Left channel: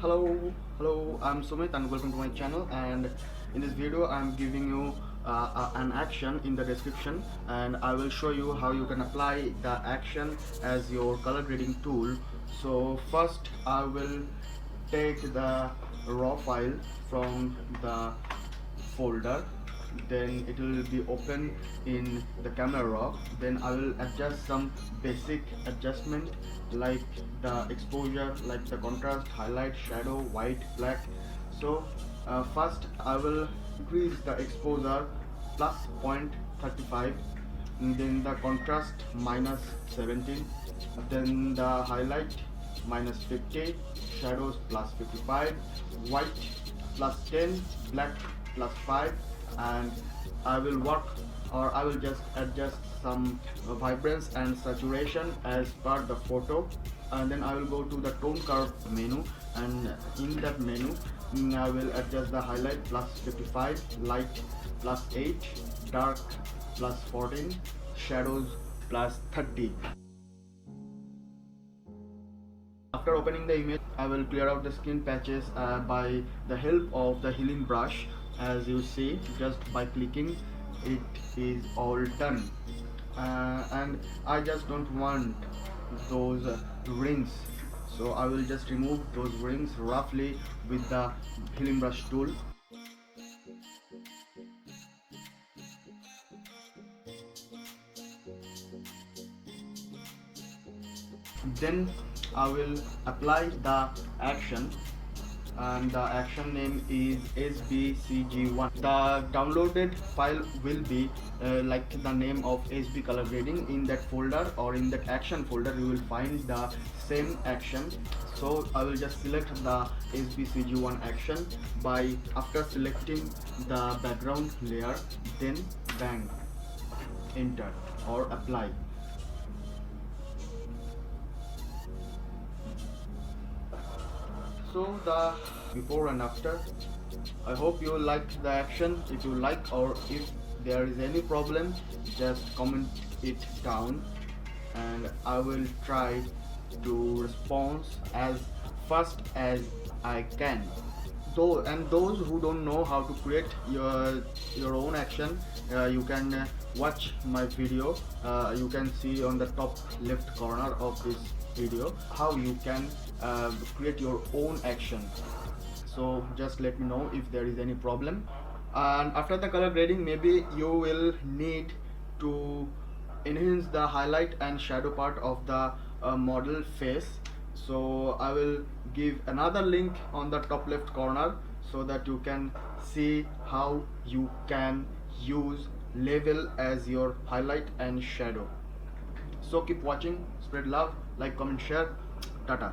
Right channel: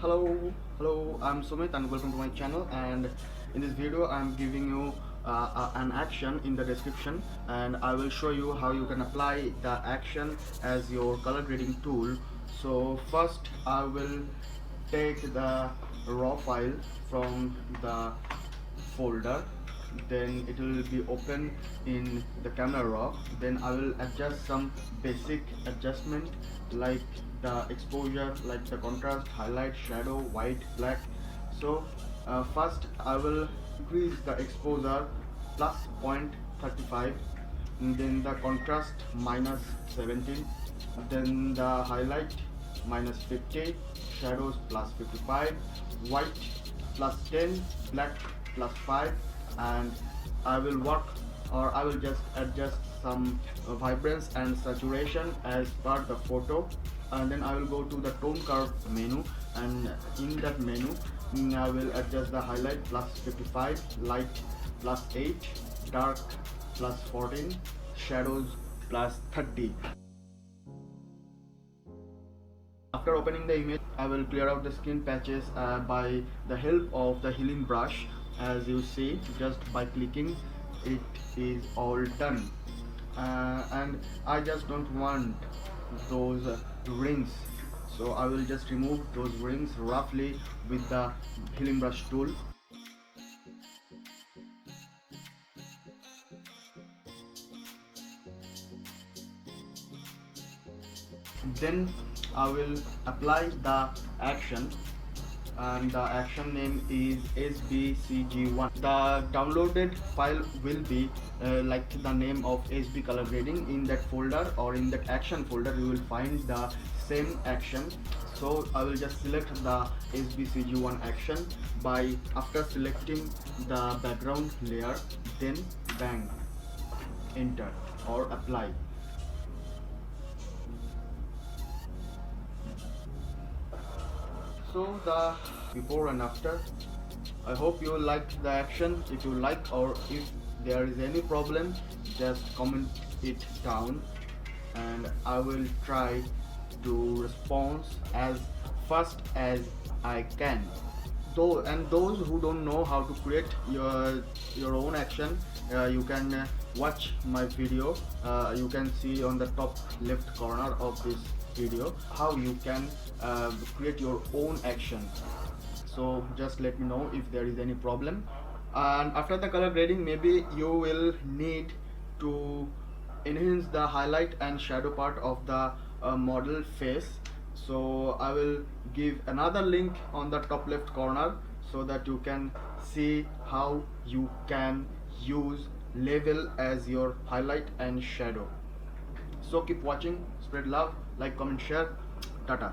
Hello, I'm Sumit and welcome to my channel. And in this video, I'm giving you an action in the description, and I will show you how you can apply the action as your color grading tool. So first, I will take the raw file from the folder, then it will be open in the camera raw. Then I will adjust some basic adjustment like the exposure, like the contrast, highlight, shadow, white, black. So first I will increase the exposure plus 0.35, and then the contrast minus 17, then the highlight minus 50, shadows plus 55, white plus 10, black plus 5, and I will not, or I will just adjust some vibrance and saturation as per the photo. And then I will go to the tone curve menu, and in that menu I will adjust the highlight plus 55, light plus 8, dark plus 14, shadows plus 30. After opening the image, I will clear out the skin patches by the help of the healing brush. As you see, just by clicking, it is all done. And I just don't want those rings, so I will just remove those rings roughly with the healing brush tool. Then I will apply the action, and the action name is SBCG1. The downloaded file will be like the name of SB color grading. In that folder or in that action folder, you will find the same action. So I will just select the SBCG1 action by after selecting the background layer, then bang, enter or apply. So the before and after. I hope you liked the action. If you like, or if there is any problem, just comment it down, and I will try to respond as fast as I can. Those who don't know how to create your own action, you can watch my video. You can see on the top left corner of this video how you can create your own action. So just let me know if there is any problem. And after the color grading, maybe you will need to enhance the highlight and shadow part of the model face. So I will give another link on the top left corner so that you can see how you can use level as your highlight and shadow. So keep watching, spread love, like, comment, share. Tata.